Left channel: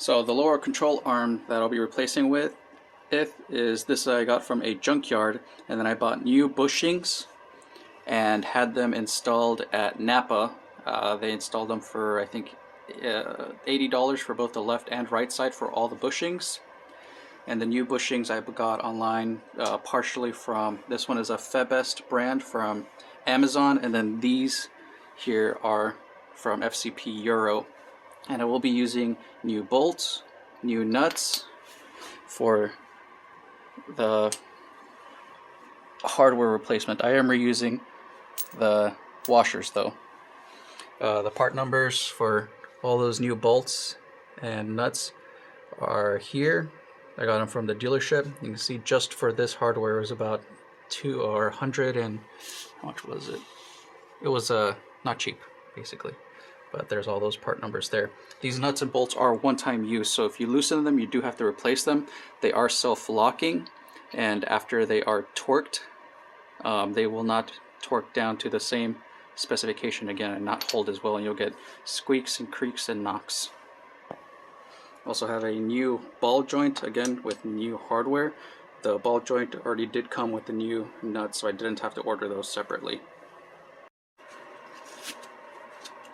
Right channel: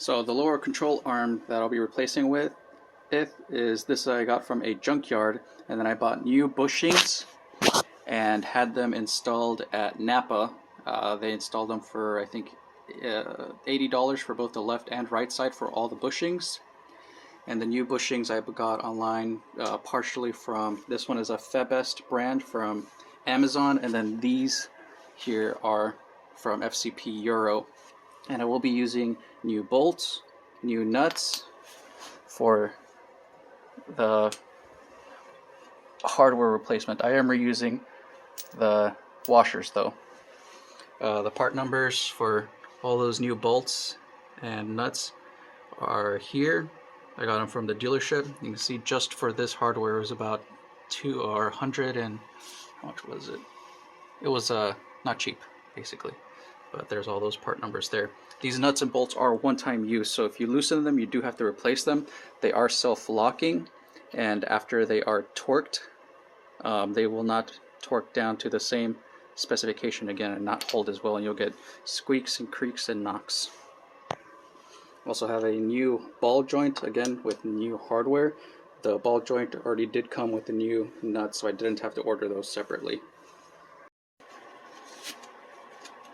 So the lower control arm that I'll be replacing with is this I got from a junkyard, and then I bought new bushings and had them installed at Napa. They installed them for I think $80 for both the left and right side for all the bushings. And the new bushings I got online partially from, this one is a Febest brand from Amazon, and then these here are from FCP Euro. And I will be using new bolts, new nuts for the hardware replacement. I am reusing the washers though. The part numbers for all those new bolts and nuts are here. I got them from the dealership. You can see just for this hardware it was about 100 and how much was it? It was not cheap basically. But there's all those part numbers there. These nuts and bolts are one-time use, so if you loosen them, you do have to replace them. They are self-locking, and after they are torqued, they will not torque down to the same specification again and not hold as well, and you'll get squeaks and creaks and knocks. Also have a new ball joint, again with new hardware. The ball joint already did come with the new nuts, so I didn't have to order those separately.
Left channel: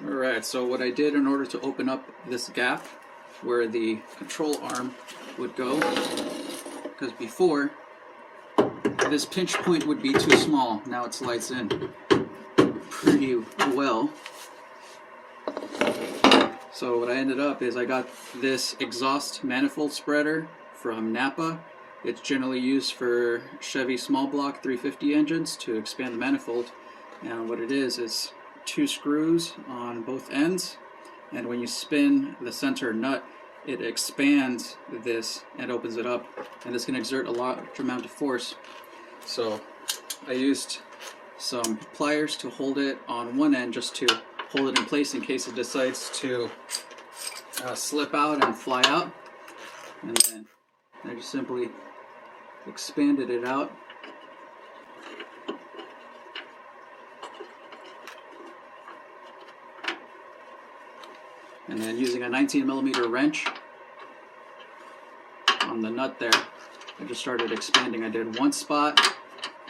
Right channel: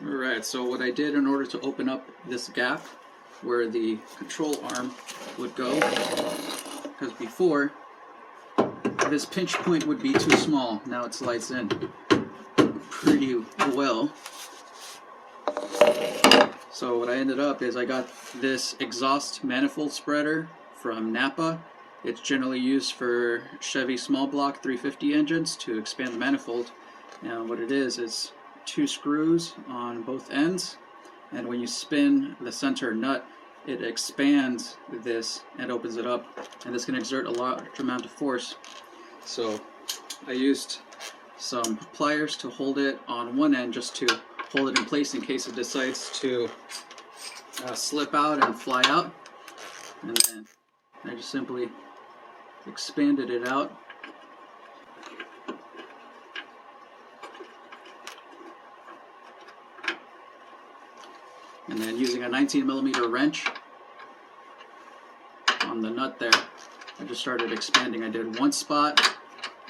Alright, so what I did in order to open up this gap where the control arm would go, because before this pinch point would be too small, now it slides in pretty well. So what I ended up is I got this exhaust manifold spreader from Napa. It's generally used for Chevy small block 350 engines to expand the manifold, and what it is 2 screws on both ends, and when you spin the center nut it expands this and opens it up, and this can exert a large amount of force. So I used some pliers to hold it on one end just to hold it in place in case it decides to slip out and fly out, and then I just simply expanded it out. And then using a 19mm wrench on the nut there, I just started expanding. I did one spot,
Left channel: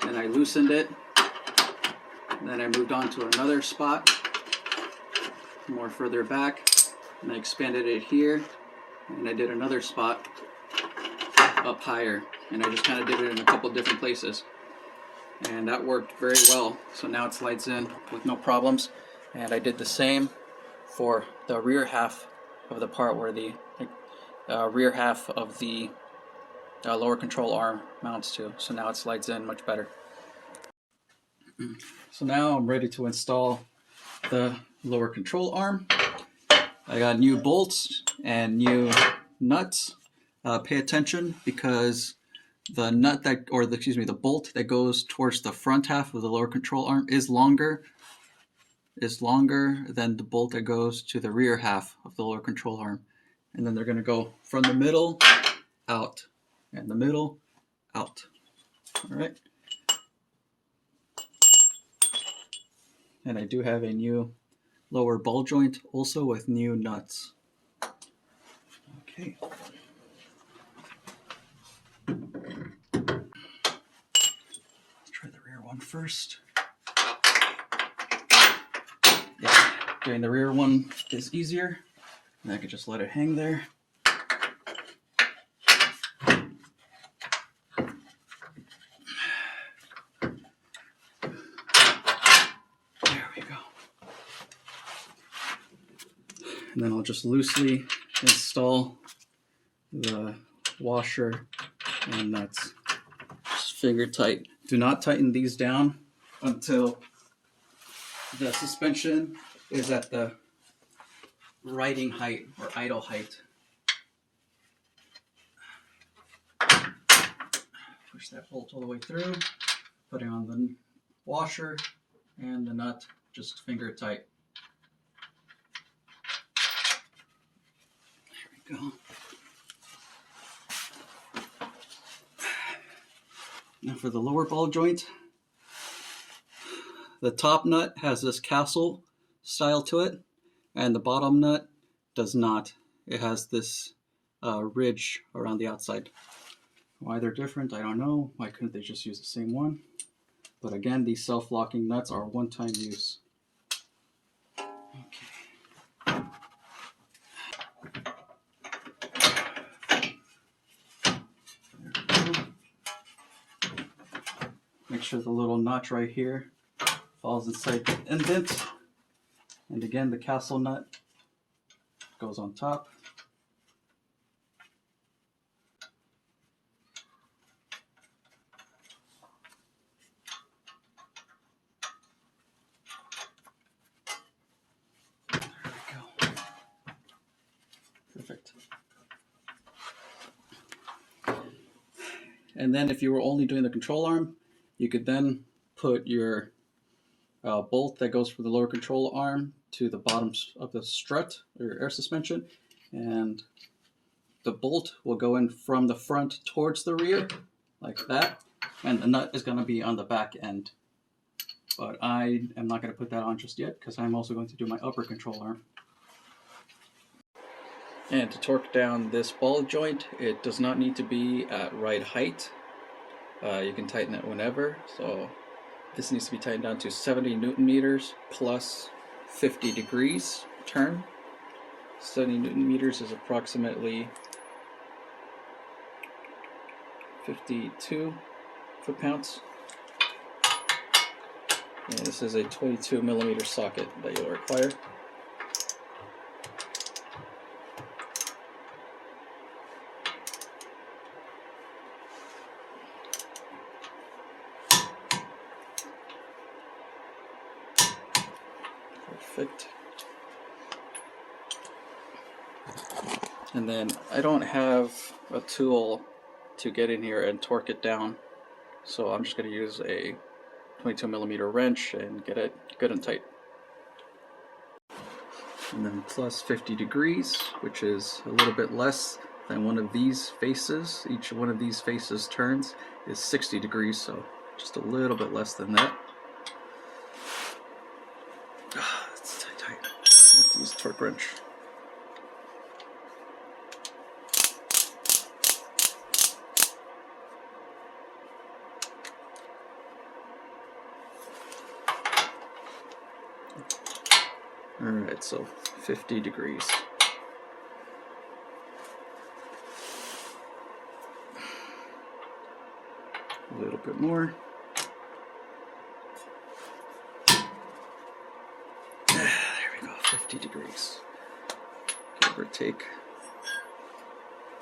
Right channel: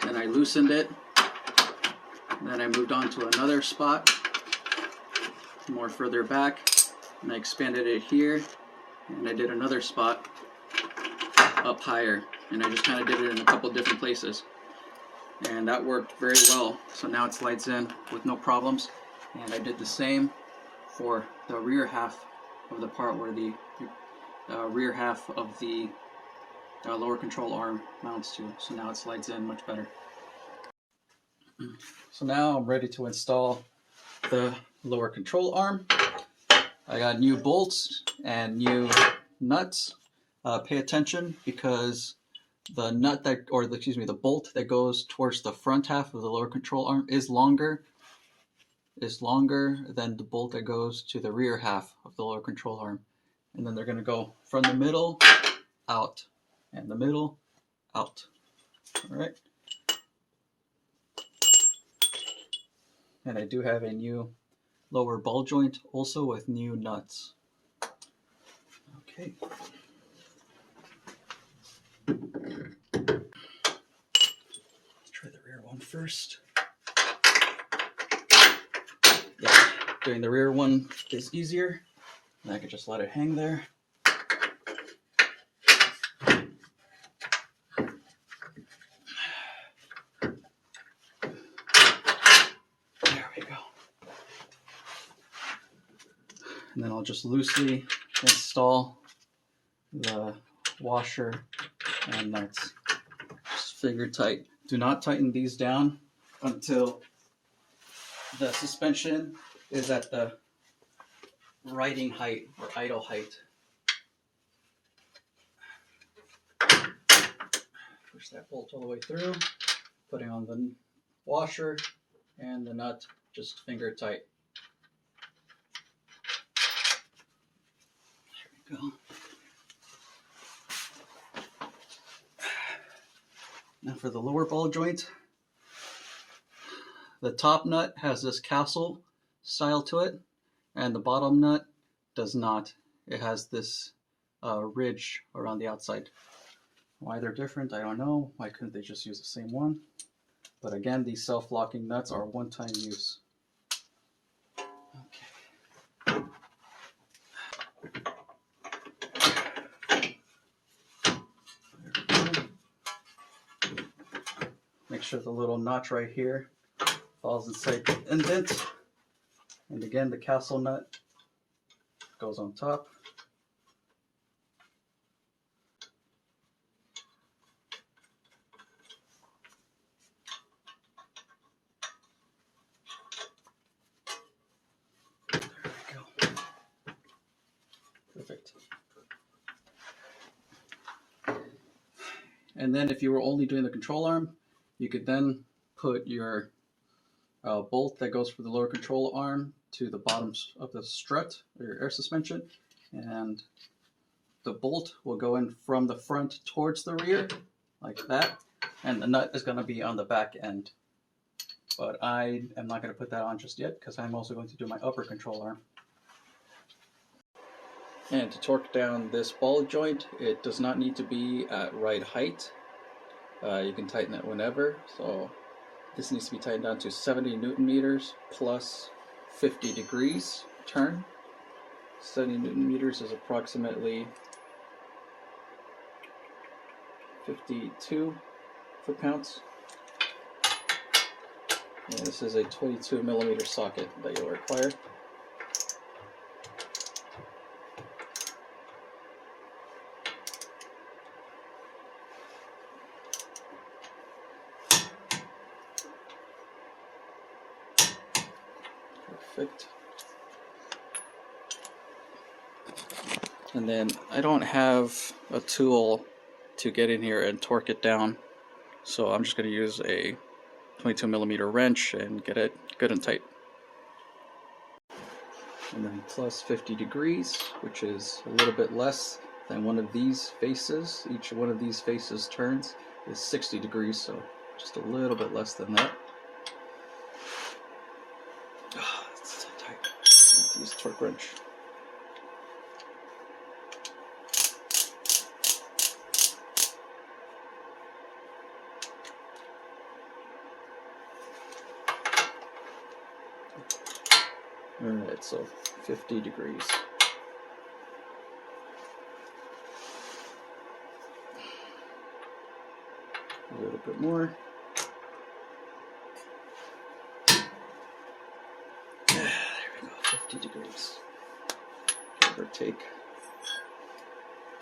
then I loosened it, then I moved on to another spot, more further back, and I expanded it here, and I did another spot up higher, and I just kind of did it in a couple different places. And that worked very well, so now it slides in with no problems. And I did the same for the rear half of the part where the rear half of the lower control arm mounts to. So now it slides in much better. So now I'm ready to install the lower control arm. I got new bolts and new nuts. Pay attention because the nut that, or the bolt that goes towards the front half of the lower control arm is longer than the bolt that goes to the rear half of the lower control arm. And then they're going to go from the middle out and the middle out. All right. And I do have a new lower ball joint also with new nuts. Okay. Let's try the rear one first. Yeah, doing the rear one is easier, and I can just let it hang there. There we go. And then I'll just loosely install the washer and nuts. Just finger tight. Do not tighten these down until the suspension is at the riding height or idle height. Push that bolt all the way through, putting on the washer and the nut, just finger tight. There we go. Now for the lower ball joint, the top nut has this castle style to it, and the bottom nut does not. It has this ridge around the outside. Why they're different, I don't know. Why couldn't they just use the same one? But again, these self-locking nuts are one-time use. Okay. Make sure the little notch right here falls inside the indent. And again, the castle nut goes on top. There we go. Perfect. And then if you were only doing the control arm, you could then put your bolt that goes for the lower control arm to the bottom of the strut or your air suspension, and the bolt will go in from the front towards the rear like that, and the nut is going to be on the back end. But I am not going to put that on just yet because I'm also going to do my upper control arm. And to torque down this ball joint, it does not need to be at right height. You can tighten it whenever. So this needs to be tightened down to 70 Newton meters plus 50 degrees turn. 70 Newton meters is approximately 52 foot-pounds. And this is a 22 millimeter socket that you'll require. Perfect. And then I don't have a tool to get in here and torque it down, so I'm just going to use a 22 millimeter wrench and get it good and tight. And then plus 50 degrees, which is a little bit less than one of these faces. Each one of these faces turns is 60 degrees, so just a little bit less than that. It's tight. Let's use a torque wrench. Alright, so 50 degrees. A little bit more. There we go, 50 degrees. Give or take.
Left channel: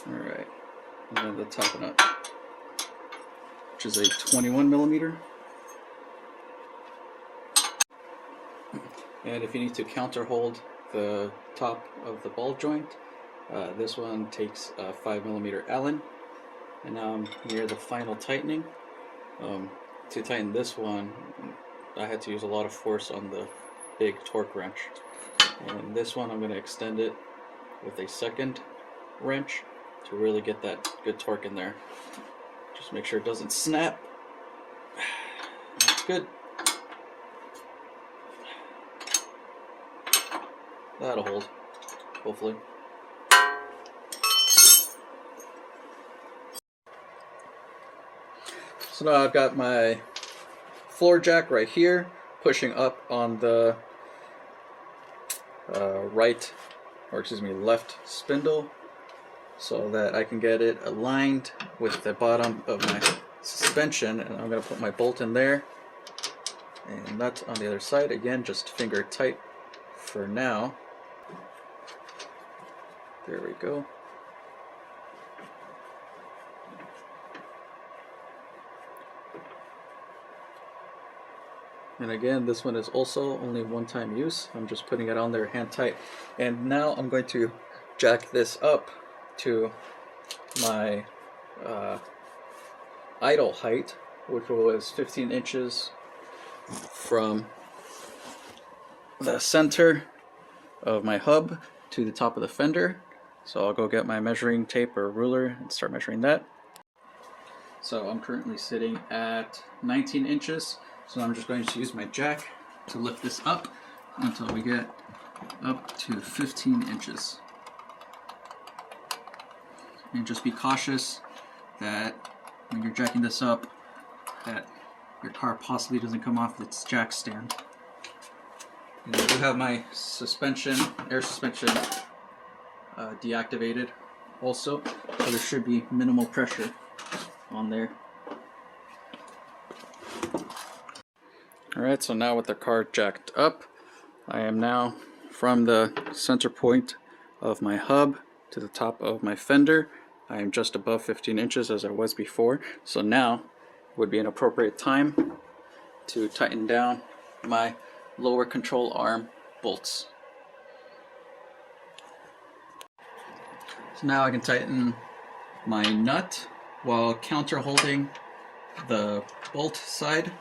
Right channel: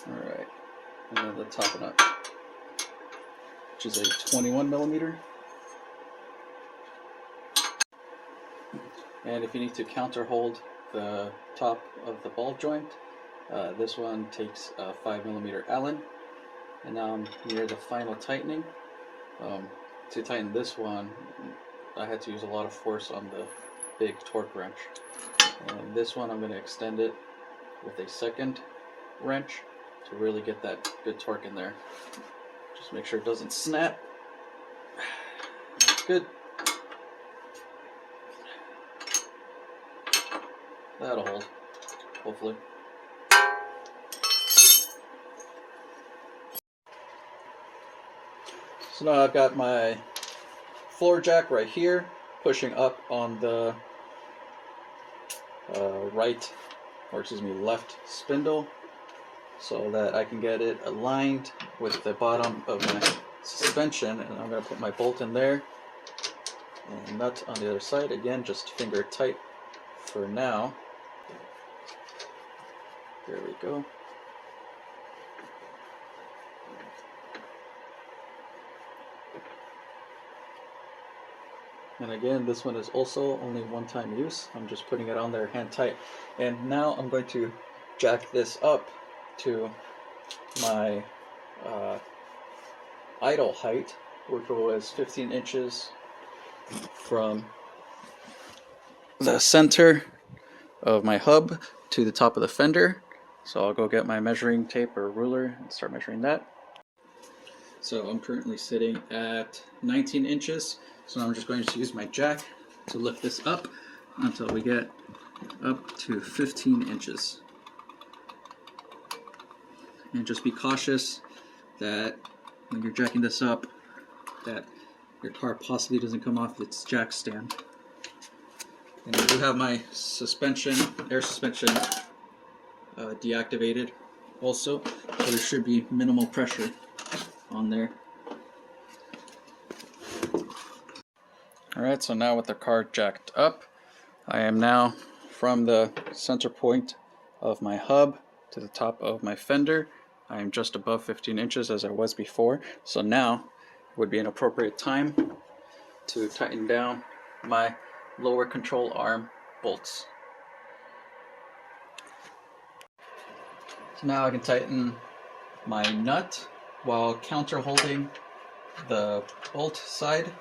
Alright, and then the top and up, which is a 21 millimeter. And if you need to counter hold the top of the ball joint, this one takes a 5 millimeter Allen. And now I'm near the final tightening. To tighten this one, I had to use a lot of force on the big torque wrench. And this one I'm going to extend it with a second wrench to really get that good torque in there. Just make sure it doesn't snap. That's good. That'll hold, hopefully. So now I've got my floor jack right here, pushing up on the left spindle, so that I can get it aligned with the bottom of my suspension. And I'm going to put my bolt in there, and nut on the other side. Again, just finger tight for now. There we go. And again, this one is also only one-time use. I'm just putting it on there hand tight. And now I'm going to jack this up to my idle height, which was 15 inches from the center of my hub to the top of the fender. So I'll go get my measuring tape or ruler and start measuring that. So I'm currently sitting at 19 inches. So I'm just going to use my jack to lift this up until we get up to 15 inches. and just be cautious that when you're jacking this up, that your car possibly doesn't come off its jack stand. And I do have my suspension, air suspension, deactivated also, so there should be minimal pressure on there. Alright, so now with the car jacked up, I am now from the center point of my hub to the top of my fender. I am just above 15 inches as I was before, so now would be an appropriate time to tighten down my lower control arm bolts. So now I can tighten my nut while counter holding the bolt side,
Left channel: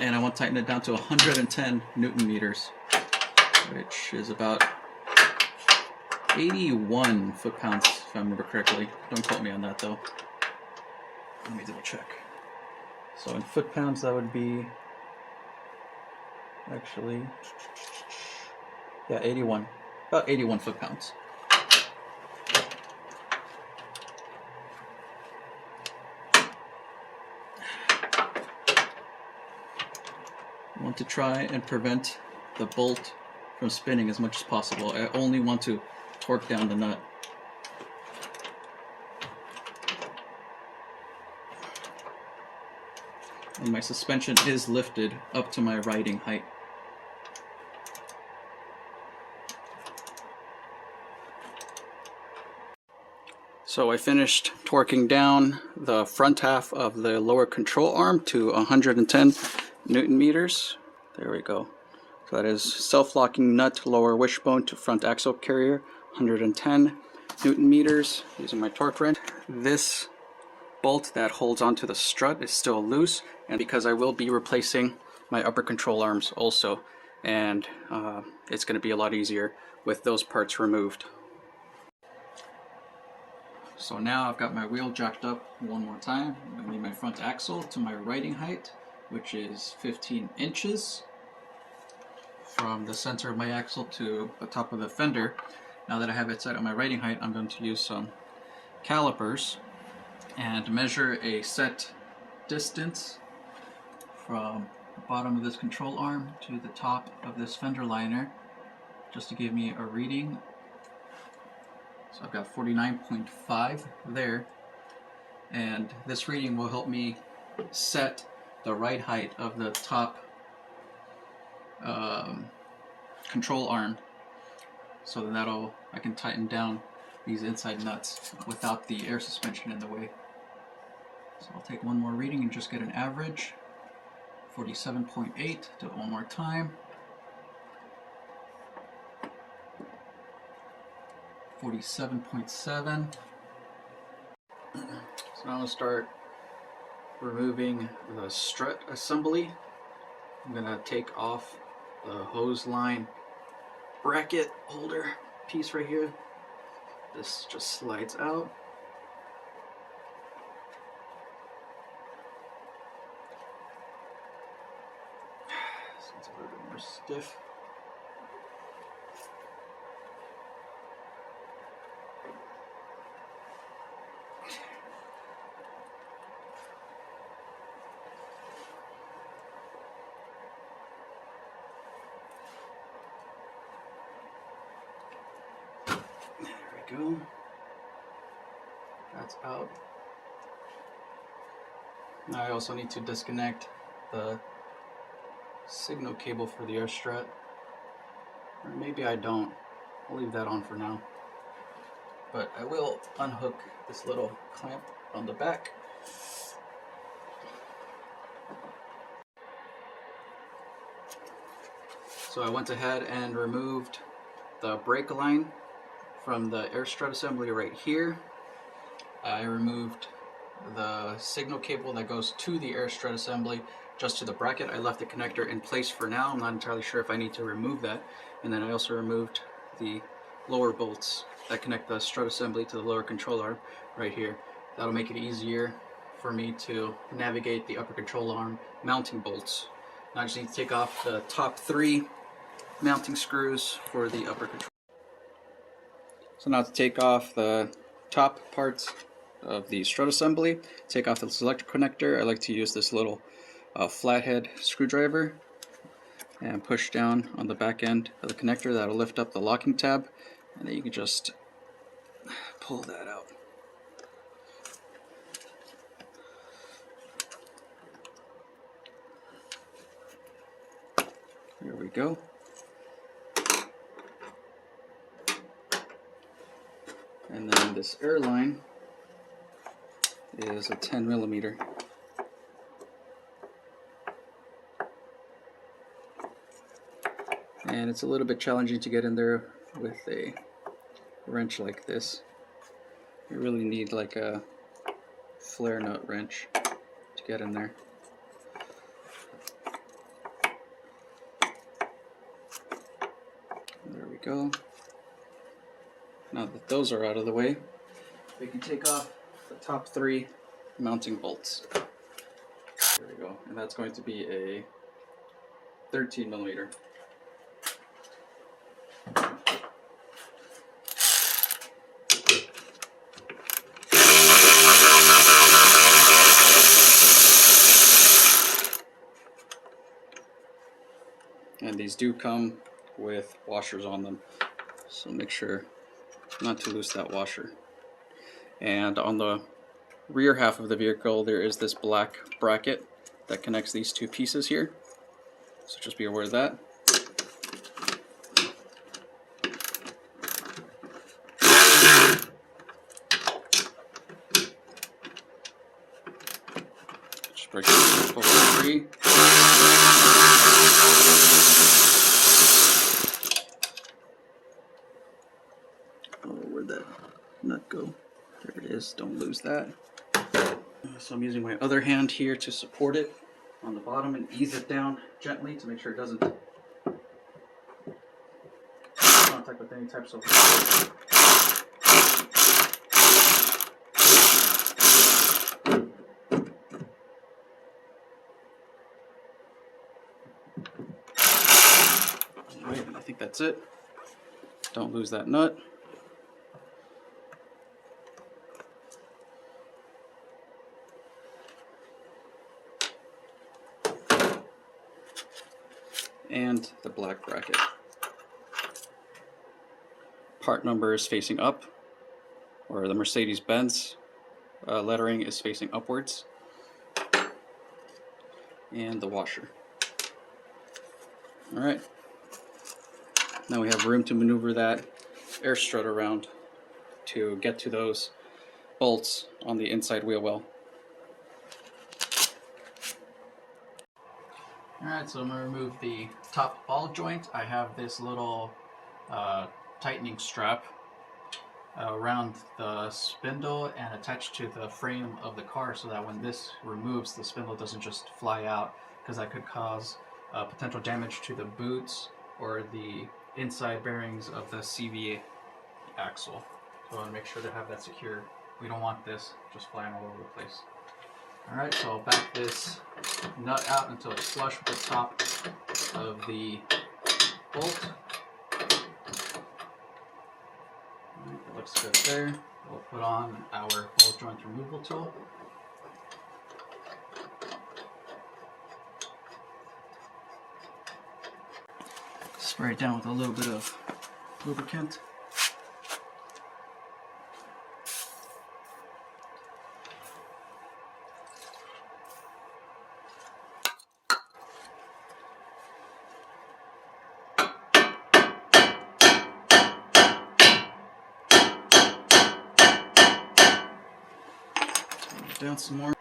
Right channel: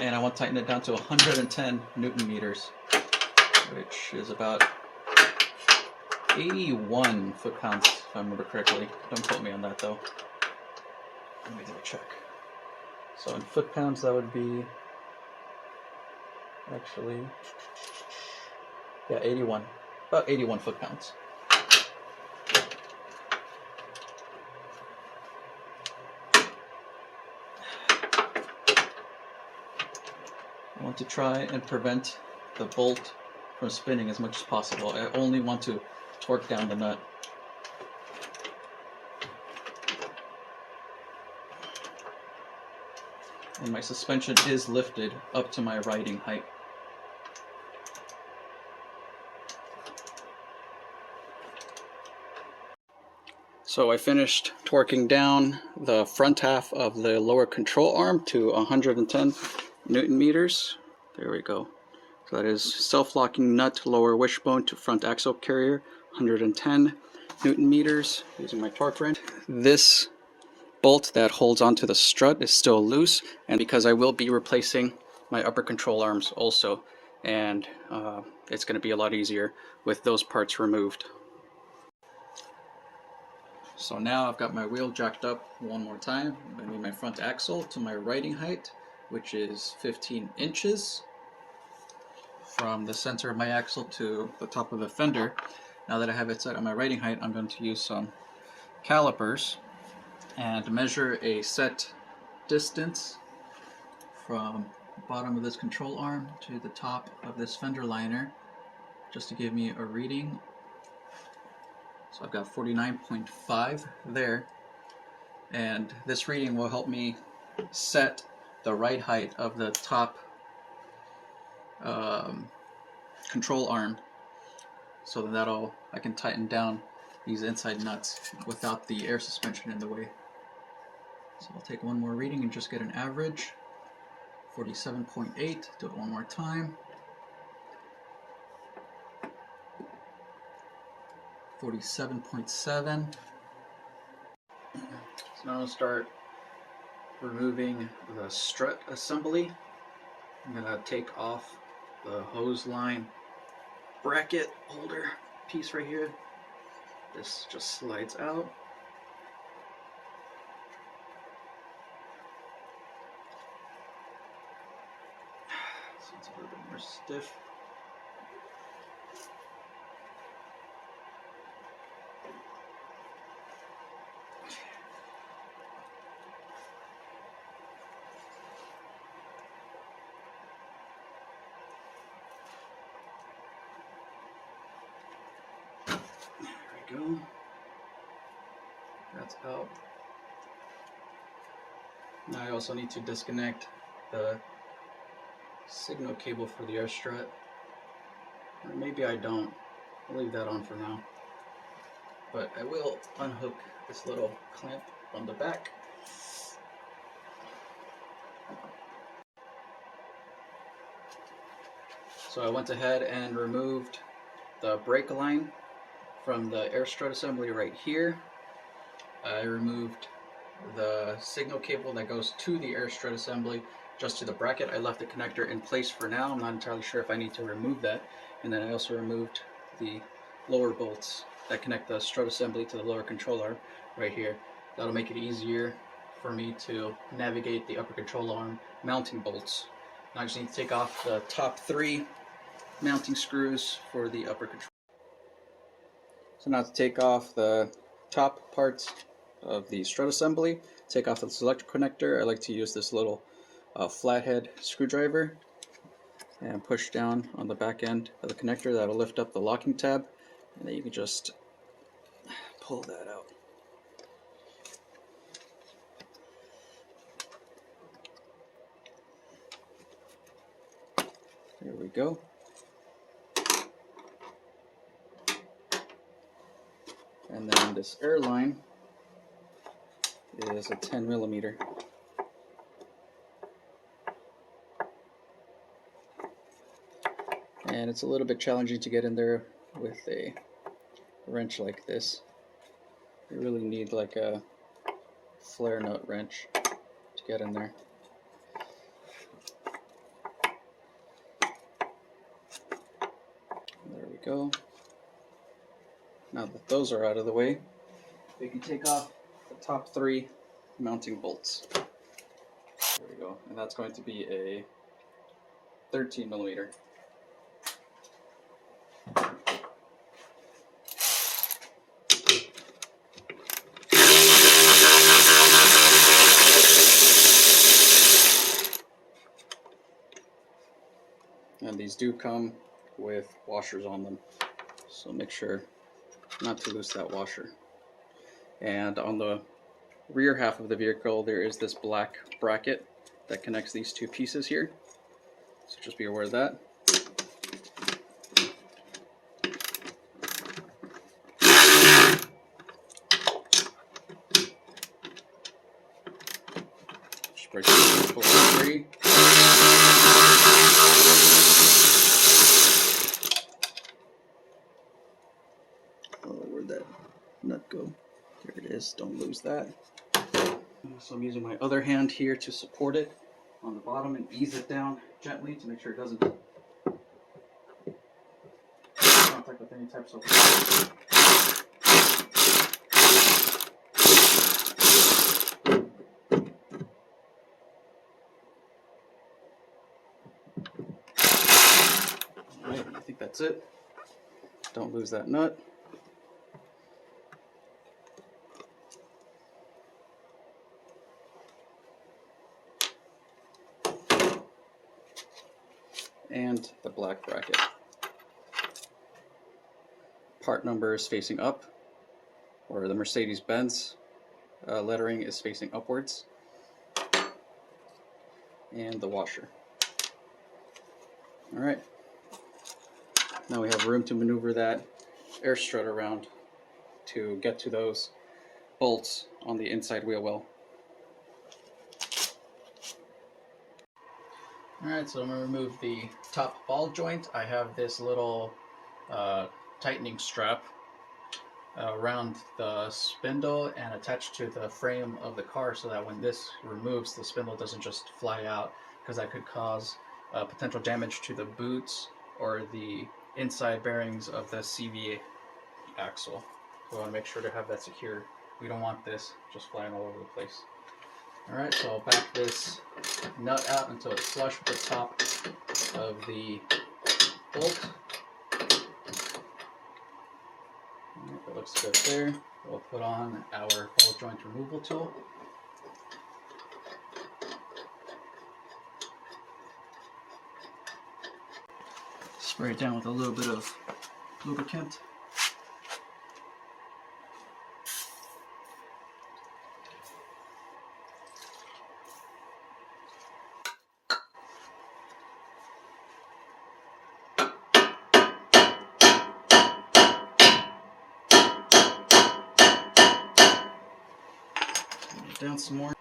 and I want to tighten it down to 110 Newton meters, which is about 81 foot-pounds if I remember correctly. Don't quote me on that though. Let me double check. So in foot-pounds that would be actually, yeah, 81, about 81 foot-pounds. I want to try and prevent the bolt from spinning as much as possible. I only want to torque down the nut. And my suspension is lifted up to my riding height. So I finished torquing down the front half of the lower control arm to 110 Newton meters. There we go. So that is self-locking nut lower wishbone to front axle carrier, 110 Newton meters using my torque wrench. This bolt that holds onto the strut is still loose, and because I will be replacing my upper control arms also, and it's going to be a lot easier with those parts removed. So now I've got my wheel jacked up one more time. I'm going to need my front axle to my riding height, which is 15 inches from the center of my axle to the top of the fender. Now that I have it set on my riding height, I'm going to use some calipers and measure a set distance from the bottom of this control arm to the top of this fender liner, just to give me a reading. So I've got 49.5 there, and this reading will help me set the right height of the top control arm, so that I can tighten down these inside nuts without the air suspension in the way. So I'll take one more reading and just get an average. 47.8, do it one more time. 47.7. So now I'm going to start removing the strut assembly. I'm going to take off the hose line bracket holder piece right here. This just slides out. So it's a little bit more stiff. Go. That's out. Now I also need to disconnect the signal cable for the air strut, or maybe I don't. I'll leave that on for now, but I will unhook this little clamp from the back. So I went ahead and removed the brake line from the air strut assembly right here. I removed the signal cable that goes to the air strut assembly just to the bracket. I left the connector in place for now. I'm not entirely sure if I need to remove that. And then I also removed the lower bolts that connect the strut assembly to the lower control arm right here. That'll make it easier for me to navigate the upper control arm mounting bolts. Now I just need to take off the top 3 mounting screws for the upper control. So now to take off the top parts of the strut assembly, take off the selector connector, I like to use this little flathead screwdriver and push down on the back end of the connector. That'll lift up the locking tab, and then you can just pull that out. There we go. And then this air line is a 10mm. And it's a little bit challenging to get in there with a wrench like this. You really need like a flare nut wrench to get in there. There we go. Now that those are out of the way, we can take off the top 3 mounting bolts. There we go. And that's going to be a 13mm. And these do come with washers on them, so make sure not to lose that washer. And on the rear half of the vehicle, there is this black bracket that connects these 2 pieces here, so just be aware of that. Just break this over 3. Where'd that nut go? There it is, don't lose that. So I'm using my other hand here to support it on the bottom and ease it down gently to make sure it doesn't contact with any types of Alright, I think that's it. Don't lose that nut. And the black bracket. Part number is facing up, or the Mercedes-Benz lettering is facing upwards. And the washer. Alright. Now we have room to maneuver that air strut around to get to those bolts on the inside wheel well. Alright, so I'm going to remove the top ball joint. I have this little tightening strap around the spindle and attached to the frame of the car so that when this removes, the spindle doesn't just fly out, because that could cause potential damage to the boots or the inside bearings of the CV axle. So I want to make sure to have that secure. We don't want this just flying all over the place. Alright, so I'll back this nut out until it's flush with the top of the bolt. Alright, that looks good there. We'll put on our ball joint removal tool. Spray it down with a little bit of lubricant. Down some more.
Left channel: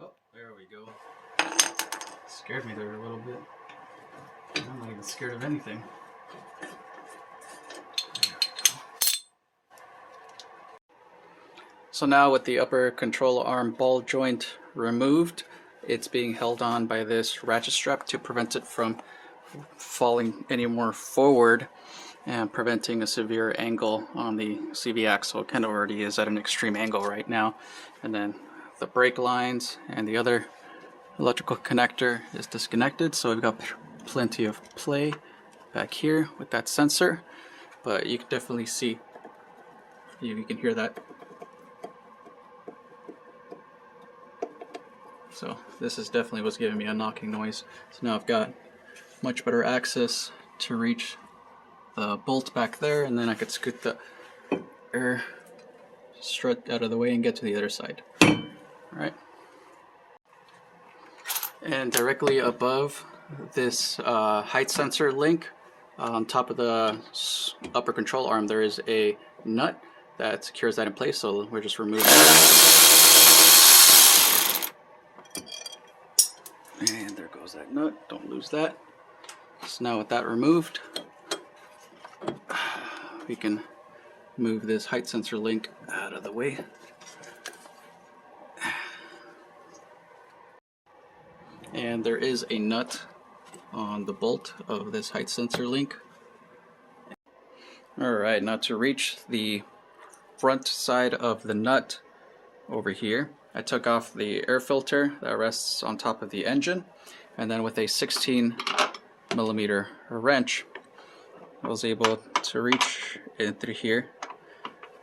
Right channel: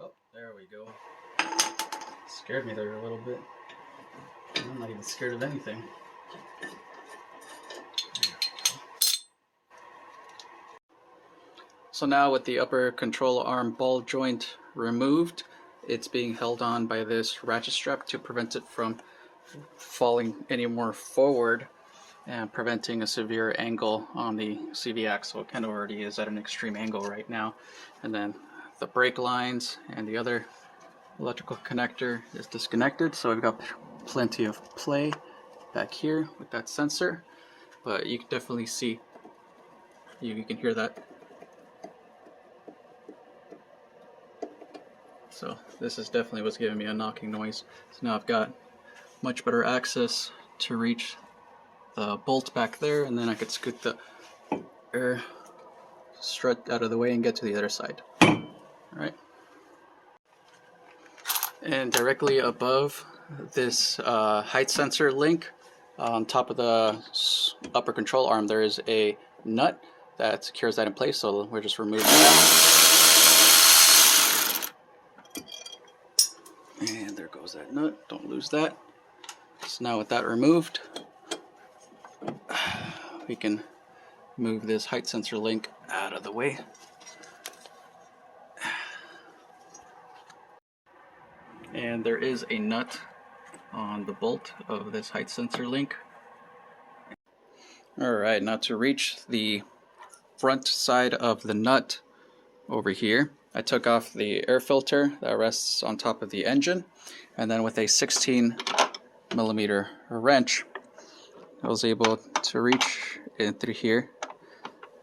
Oh, there we go. Scared me there a little bit. I'm not even scared of anything. So now with the upper control arm ball joint removed, it's being held on by this ratchet strap to prevent it from falling any more forward and preventing a severe angle on the CV axle. It kind of already is at an extreme angle right now. And then the brake lines and the other electrical connector is disconnected, so we've got plenty of play back here with that sensor, but you can definitely see, you can hear that. So this is definitely what's giving me a knocking noise. So now I've got much better access to reach the bolt back there, and then I could scoot the air strut out of the way and get to the other side. All right. And directly above this height sensor link, on top of the upper control arm, there is a nut that secures that in place, so we're just removing that. And there goes that nut, don't lose that. So now with that removed, we can move this height sensor link out of the way. And there is a nut on the bolt of this height sensor link. Alright, now to reach the front side of the nut over here, I took off the air filter that rests on top of the engine, and then with a 16mm wrench, I was able to reach in through here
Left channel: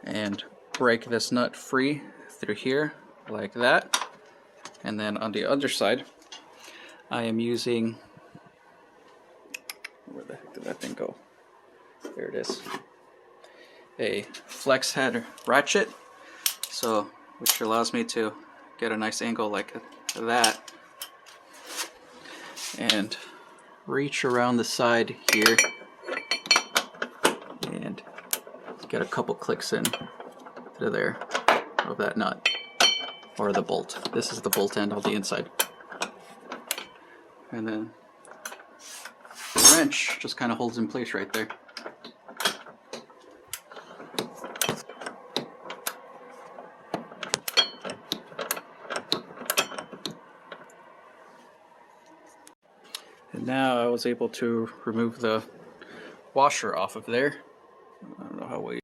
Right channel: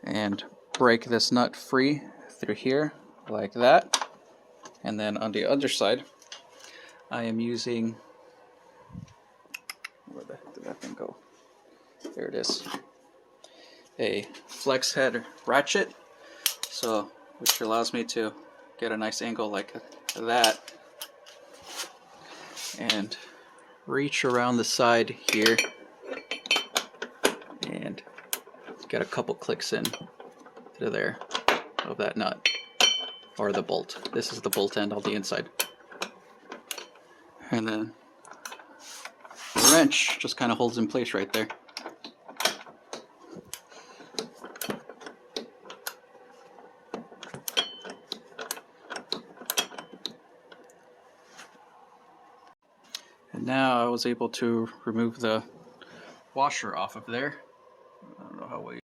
and break this nut free through here like that. And then on the other side, I am using, where the heck did that thing go? There it is. A flex head ratchet, so which allows me to get a nice angle like that and reach around the side here and get a couple clicks in to there of that nut or the bolt. This is the bolt end on the inside. And then the wrench just kind of holds in place right there. And now I was able to remove the washer off of there. I don't know how we.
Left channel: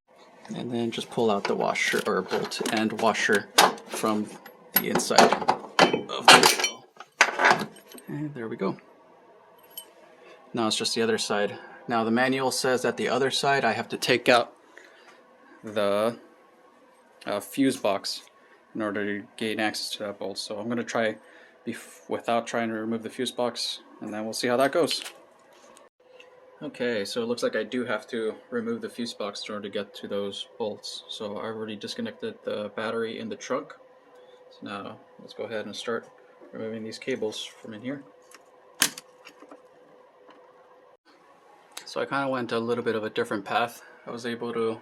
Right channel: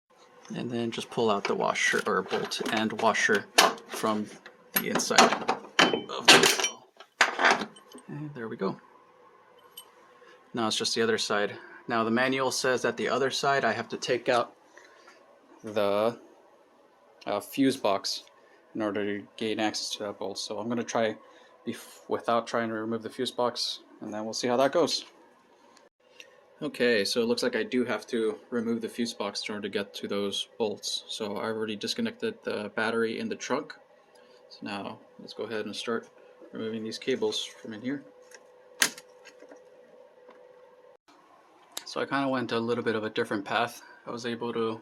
And then just pull out the washer or bolt and washer from the inside of the wheel. And there we go. Now it's just the other side. Now the manual says that the other side I have to take out the fuse box in order to gain access to that bolt. So I'm going to try without trying to remove the fuse box, and then we'll see how that goes. Okay, so it looks like I do have to remove the fuse box in order to get to those bolts. So I already disconnected the battery in the trunk. So now let's go ahead and start removing these cables from in here. So I kind of went a little bit of a different path. I was able to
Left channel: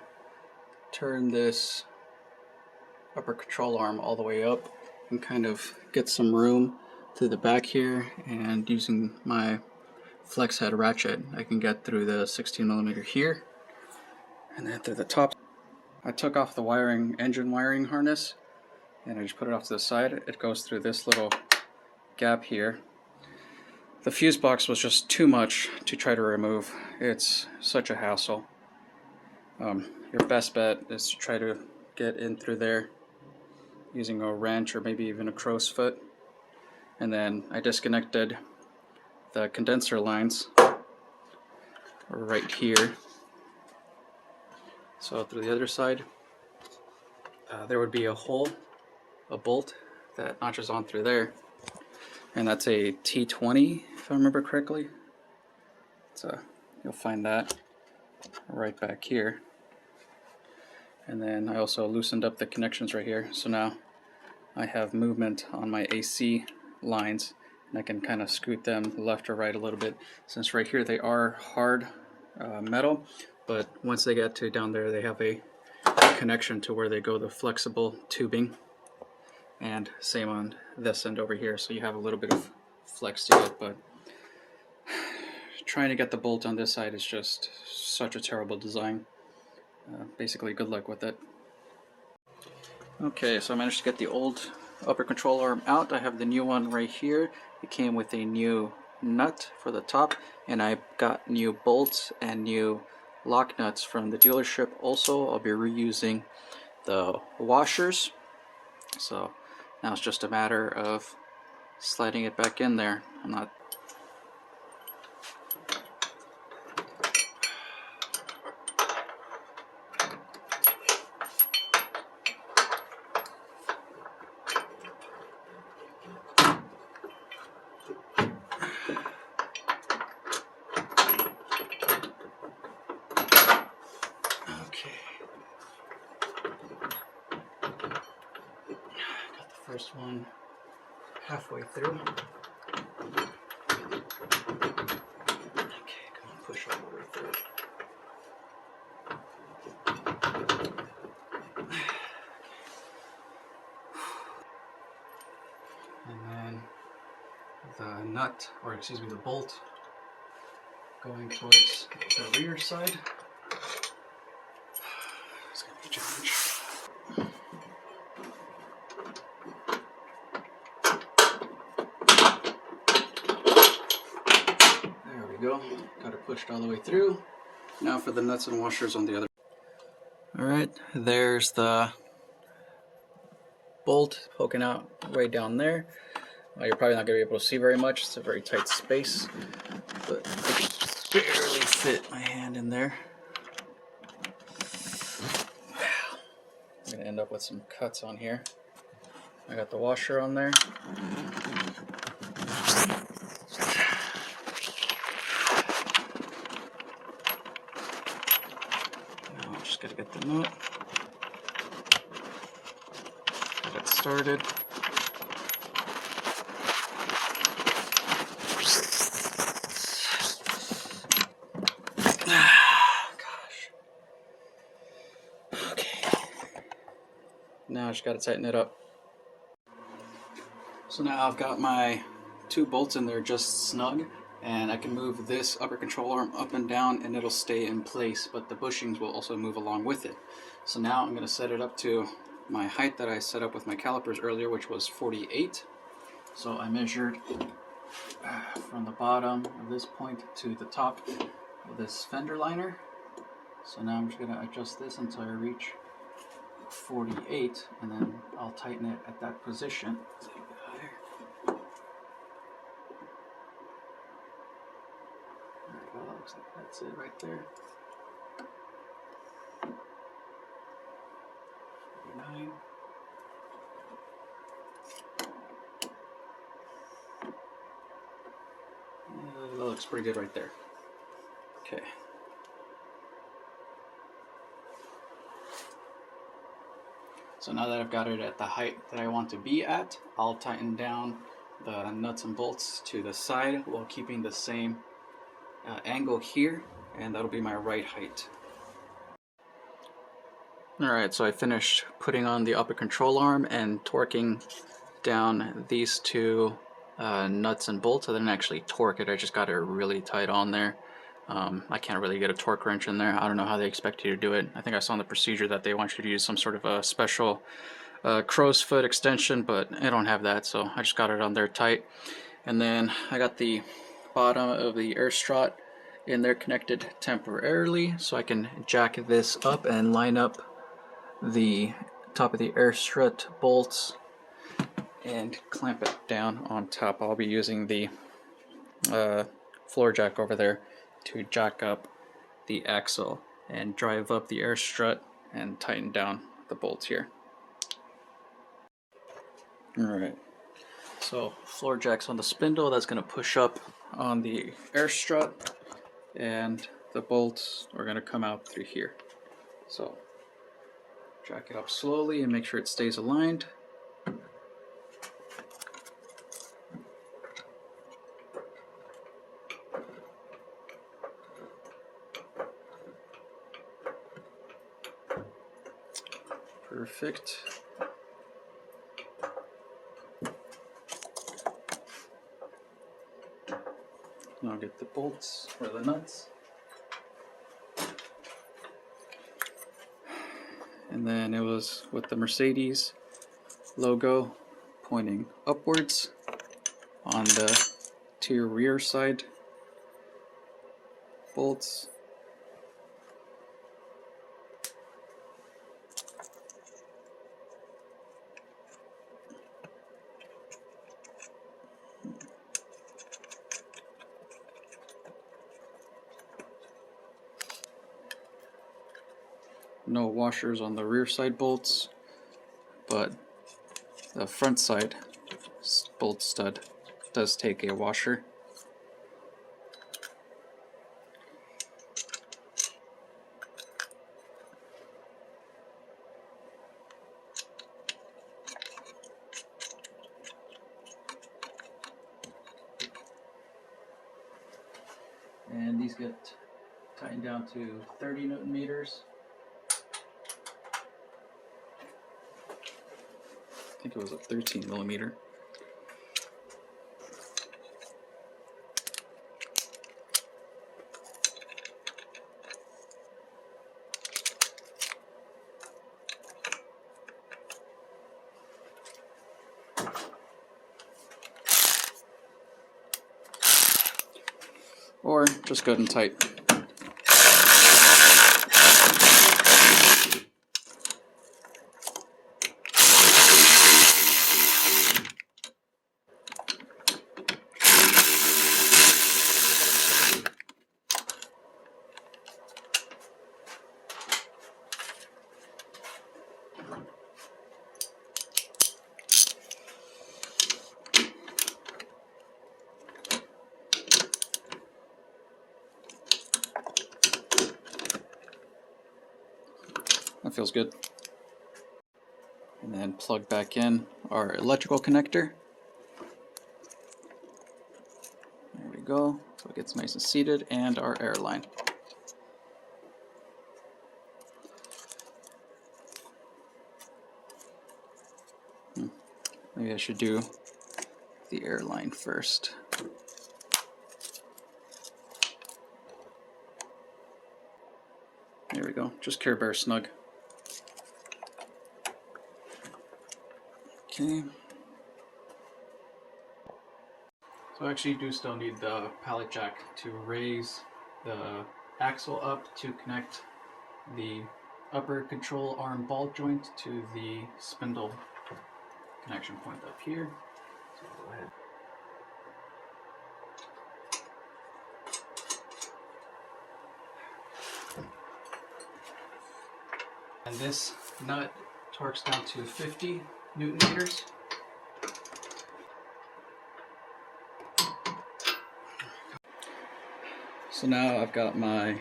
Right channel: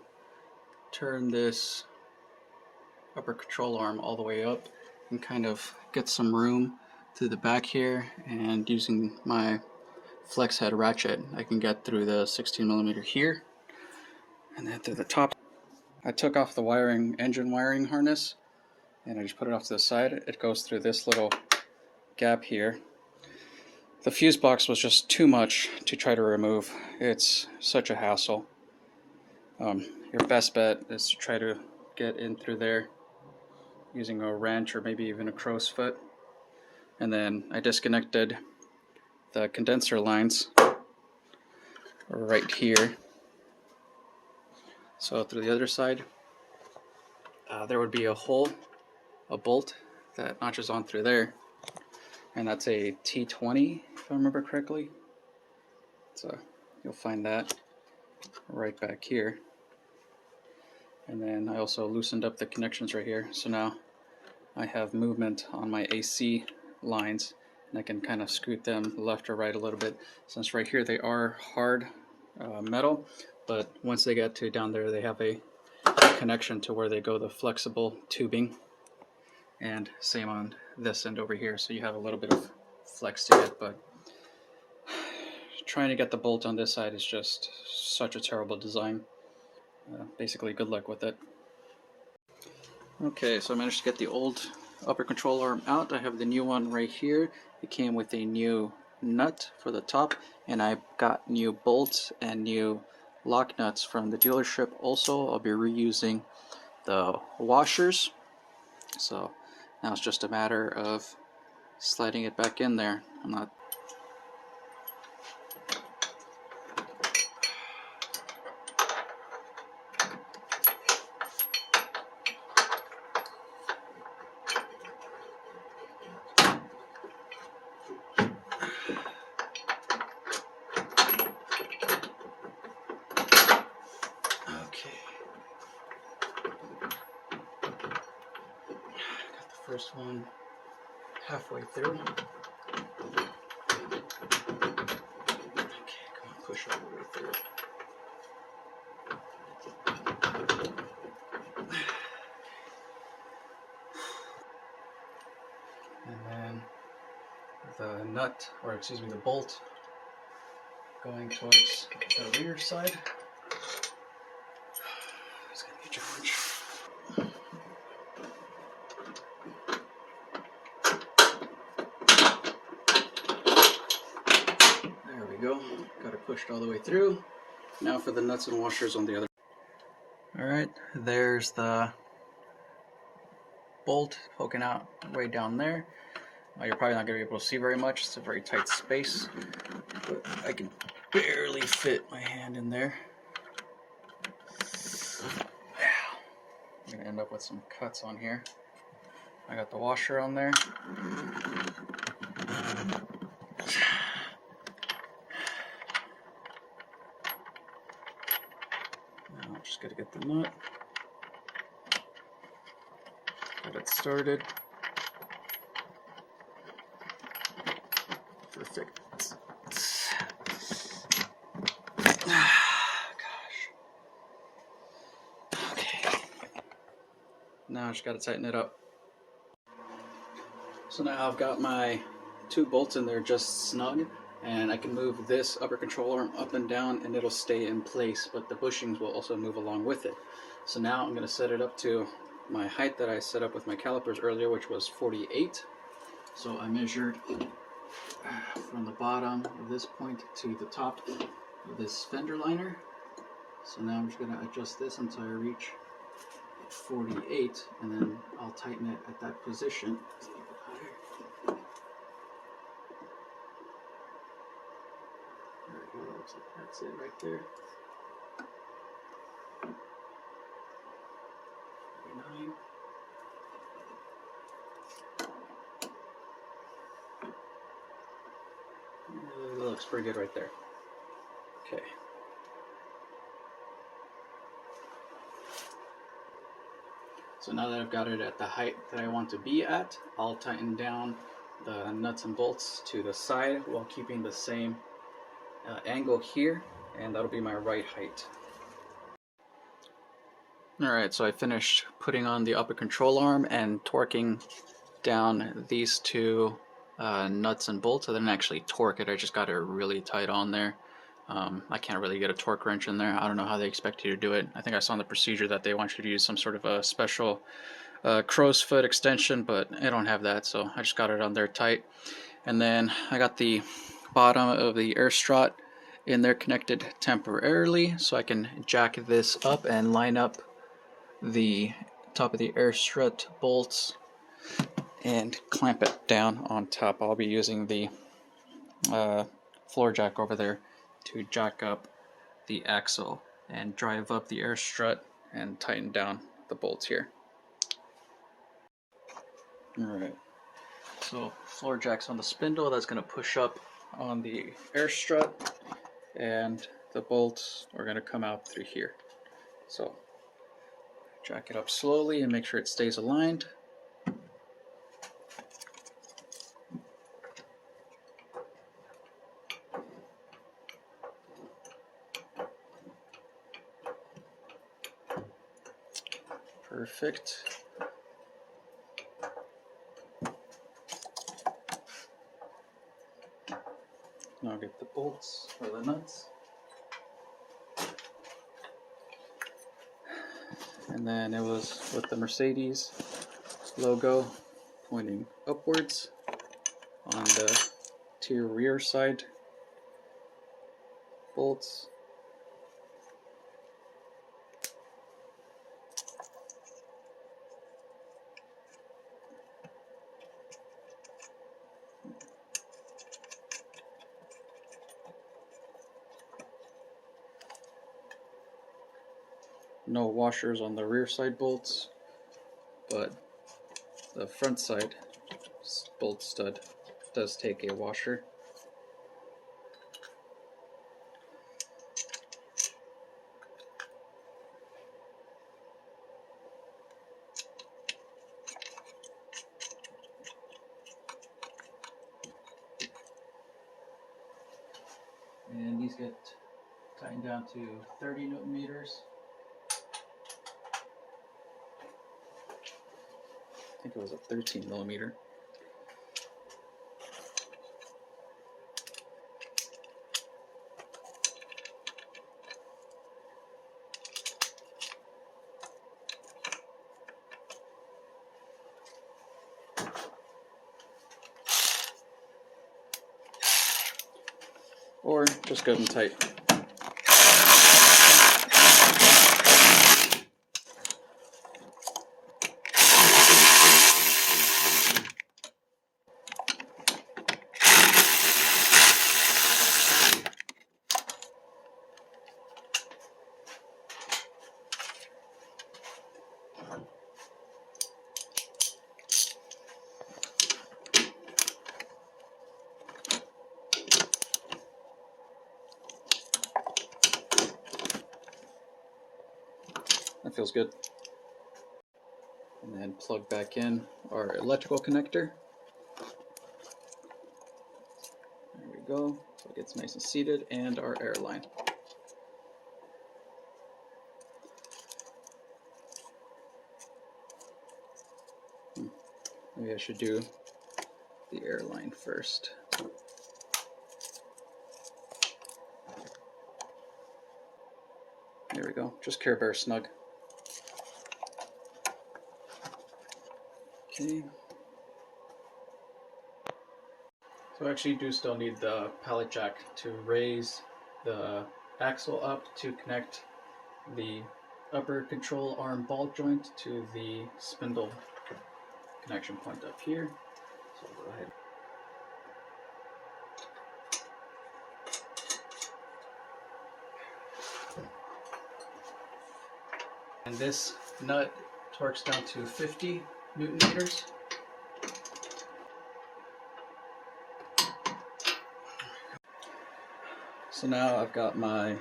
turn this upper control arm all the way up and kind of get some room to the back here, and using my flex head ratchet I can get through the 16mm here and then through the top. I took off the engine wiring harness and I just put it off to the side. It goes through this little gap here. The fuse box was just too much to try to remove. It's such a hassle. Your best bet is to try to get in through there using a wrench or maybe even a crow's foot. And then I disconnected the condenser lines right here. So through the other side, there would be a hole, a bolt that notches on through there. And that's a T20, if I remember correctly. So you'll find that right back here. And then I also loosened up the connections right here. So now I have movement on my AC lines, and I can kind of scoot them left or right a little bit, since right here they are hard metal, but once they get to down there they have a connection to where they go the flexible tubing, and same on this end over here, so you have a little bit of flex to get. But trying to get the bolt on this side is just such a terrible design. Basically, good luck with it. Okay, so I managed to get the old upper control arm out. I have the new one right here. It came with a new nut for the top, and I got new bolts and new lock nuts from the dealership. Also, I'll be reusing the washers. So now it's just a matter of sliding it back in there. I'm not. First one halfway through. Okay, come on, push all the way through. And then the nut, or excuse me, the bolt going towards the rear side. It's gonna be a challenge. There we go. Got it pushed all the way through. Now for the nuts and washers on the other. Alright, there's the bolt poking out way down there. You're probably not going to be able to see very much. It's a very tight space. But I can barely fit my hand in there. Wow. I'm going to end up with some cuts on here. I got the washer on there. Now just got to get the nut. Get it started. Now I just got to tighten it up. So now I've got my two bolts in there just snug, and I can move this upper control arm up and down and it'll stay in place, but the bushings will also move along with it. So now I'm going to set it up to my height that I set up with my calipers earlier, which was 48. So I measured from the bottom of this point to the top of this fender liner. So now I'm just going to adjust this until I reach 48, and then I'll tighten it at that position. It's a little bit higher. There we go, that looks like that's it right there. 39. That looks pretty good right there. Okay. So now that I've got it at the height that I want to be at, I'll tighten down the nuts and bolts to the side while keeping the same angle here, and that'll be my right height. Alright, so I finished putting on the upper control arm and torquing down these two nuts and bolts. I didn't actually torque it, I just got it really tight on there. I can't really get a torque wrench in there. I don't know how they expect you to do it. I think I saw in the procedure that they want you to use some sort of a special crow's foot extension, but I don't have that, so I just got it on there tight. And then I got the bottom of the air strut in there connected temporarily, so I can jack this up and line up the top of the air strut bolts and clamp it down on top. I'll be using the floor jack over there to jack up the axle and drive up the air strut and tighten down the bolts here. Alright, so floor jack's on the spindle, that's going to push up on the air strut, and the bolts are going to come out through here. So jack it up slowly and make sure it stays aligned. Perfect. Now get the bolts or the nuts. And then it was with the Mercedes logo pointing upwards on the two rear side bolts. no washers on the rear side bolts, but the front side bolt stud does take a washer. And these get tightened down to 30 Newton meters. I think it was a 13 millimeter. Or just good and tight. That feels good. And then plug back in our electrical connector. There we go. So it gets nice and seated, and our air line. Maybe I should do the air line first. There we go. Just Care Bear snug. Okay. So I actually do still need the pallet jack to raise the axle up to connect the upper control arm ball joint to the spindle connection point up here. So I'll go ahead. And this nut torques down to 50 Newton meters. So now I've got my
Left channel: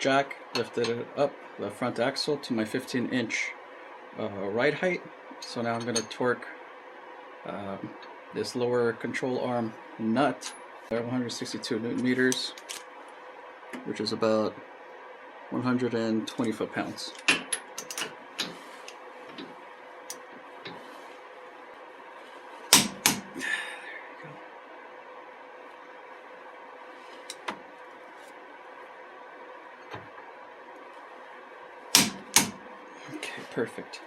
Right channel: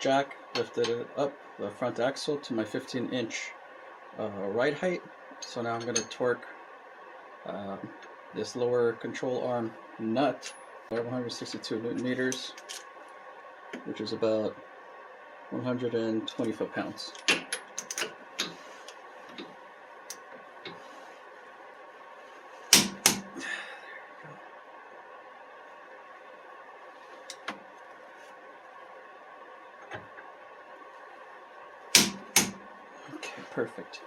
jack lifted it up the front axle to my 15-inch ride height. So now I'm going to torque this lower control arm nut at 162 Newton meters, which is about 120 foot-pounds. Okay, perfect.